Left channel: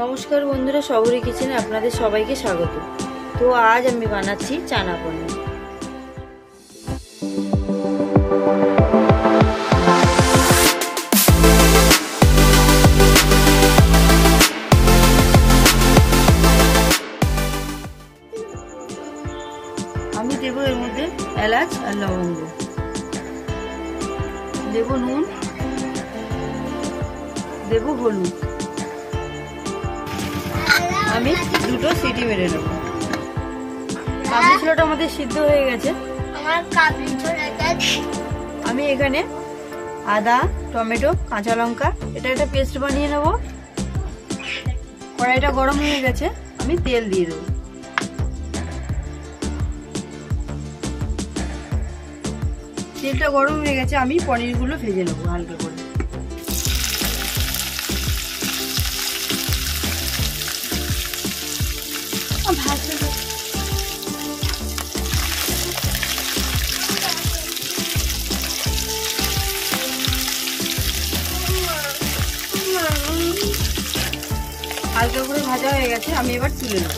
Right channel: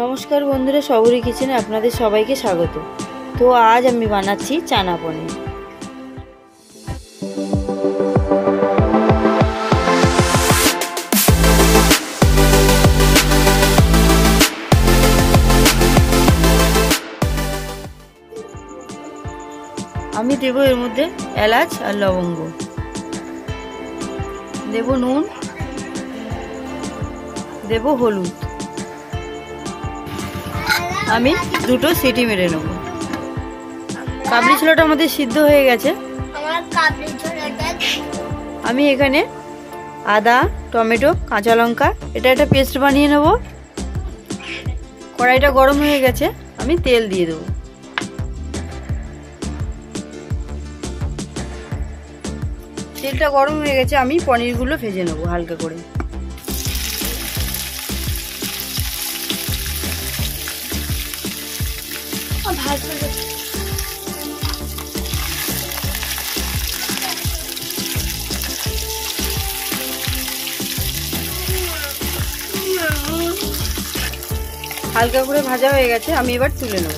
নমস্কার বন্ধুরা, শবরী কিচেনে আপনাদের সবাইকে স্বাগত। তো আজ আমি বানাচ্ছি চানা পনির। আমি দেব এর মধ্যে এলাচ আর লবঙ্গ, দেব নুন, দেব হলুদ। আমি দুটো সিটি মেরে নেব। কাবলি ছোলাটা আমাদের সিদ্ধ হয়ে গেছে। আমি এখানে আদা, টমেটো, কাঁচা লঙ্কা এটা একটা পেস্ট বানিয়ে নেব। কড়াইটা গরম হয়ে গেছে, আমি তেল দিয়ে দেব। তেলটা গরম হয়ে গেছে, আমি পনিরগুলো ভেজে নেব হালকা করে। হালকা করে ভাজা হয়ে গেছে, আমি এবার তুলে নেব।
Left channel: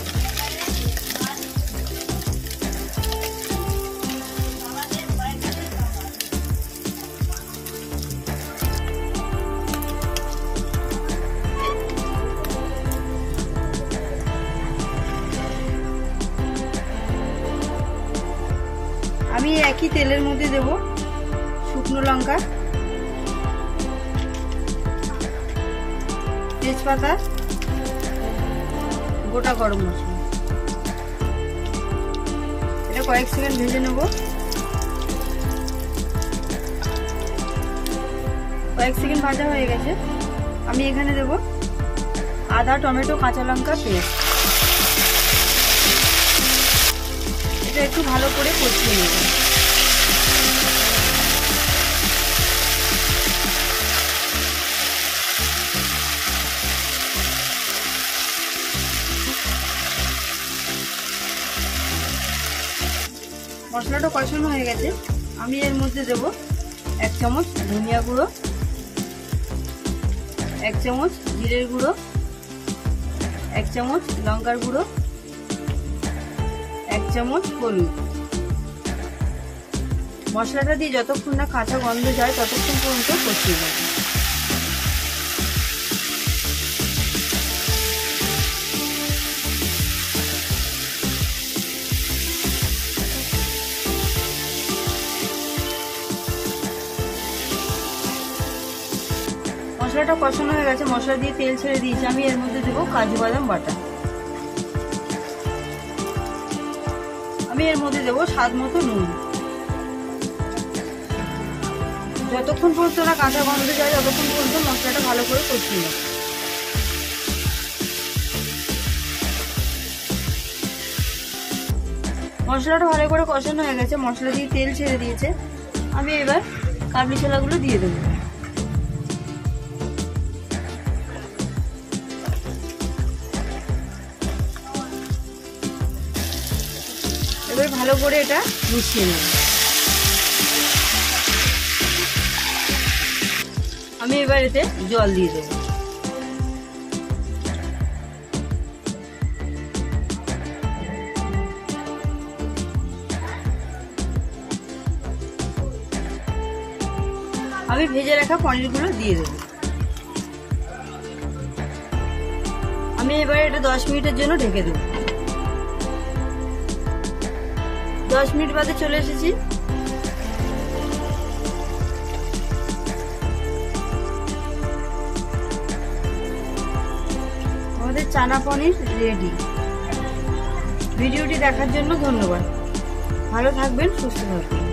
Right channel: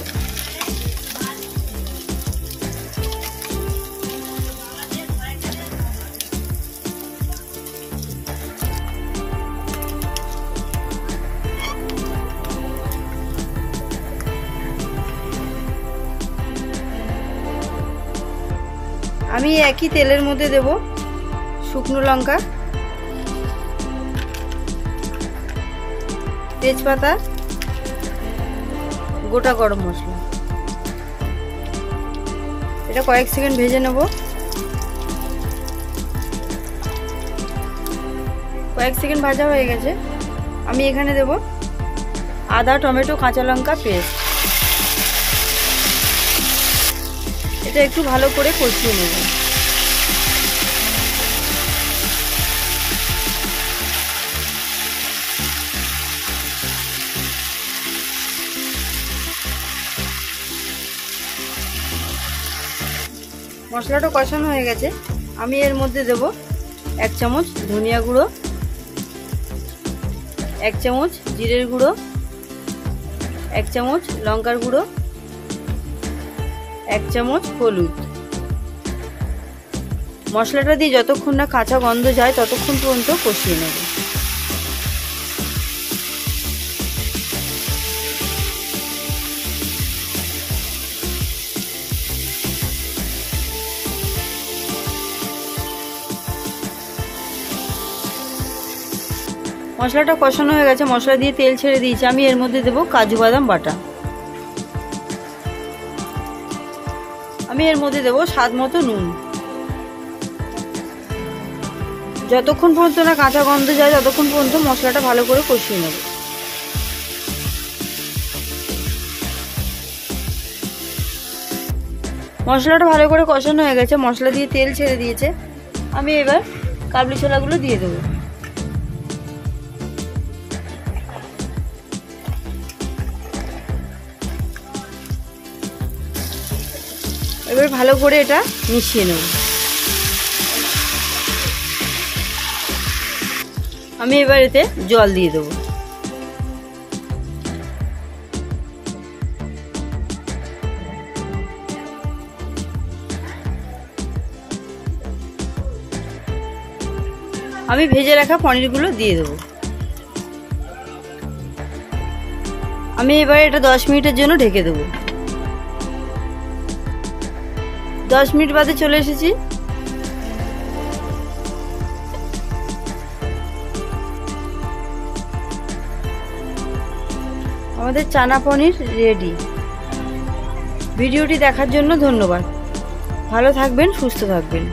আমি একই তেলের মধ্যে দেব শুকনো লঙ্কা, তেজপাতা, গোটা গরম মশলা। এটা কয়েক সেকেন্ড ভেজে নেব। কয়েক সেকেন্ড ভাজা হয়ে গেছে, আমি এখানে দেব আদা, টমেটো, কাঁচা লঙ্কা পেস্ট। এটা একটু ভালো করে কষিয়ে নেব। মশলাটা কষানো হয়ে গেছে, আমি এর মধ্যে দেব 1 চামচ ধনিয়া গুঁড়ো, 1 চামচ জিরের গুঁড়ো, 1 চামচ লঙ্কার গুঁড়ো, 1 চামচ হলুদ। মশলাটা দিয়ে যতক্ষণ না কাঁচা গন্ধ যায় ততক্ষণ পর্যন্ত কষিয়ে নেব। মশলাটা কষানো হয়ে গেছে, মশলা দিয়ে তেল ছেড়ে দিয়েছি। আমি এর মধ্যে দেব কাজু বাদাম বাটা। আমি এর মধ্যে দেব স্বাদ মতো নুন। যতক্ষণ পর্যন্ত না কাঁচা গন্ধ যায় ততক্ষণ পর্যন্ত মশলাটা ভালো করে কষিয়ে নেব। মশলাটা ভালো করে কষানো হয়ে গেছে, মশলা দিয়ে তেল ছেড়ে দিয়েছে। আমি এবার কাবলি ছোলাগুলো দিয়ে দেবো। এবার ভালো করে এটা মিশিয়ে নেব। আমি এবার এতে জল দিয়ে দেবো। আমি ভেজে রাখা পনিরগুলো দিয়ে দেবো। আমি এবার এটা 10 মিনিটের জন্য ঢেকে দেবো। 10 মিনিট বাদে চলে এসেছি। আমাদের চানা পনির রেডি। ভিডিওটি দেখার জন্য ধন্যবাদ। ভালো থাকবেন, সুস্থ থাকবেন।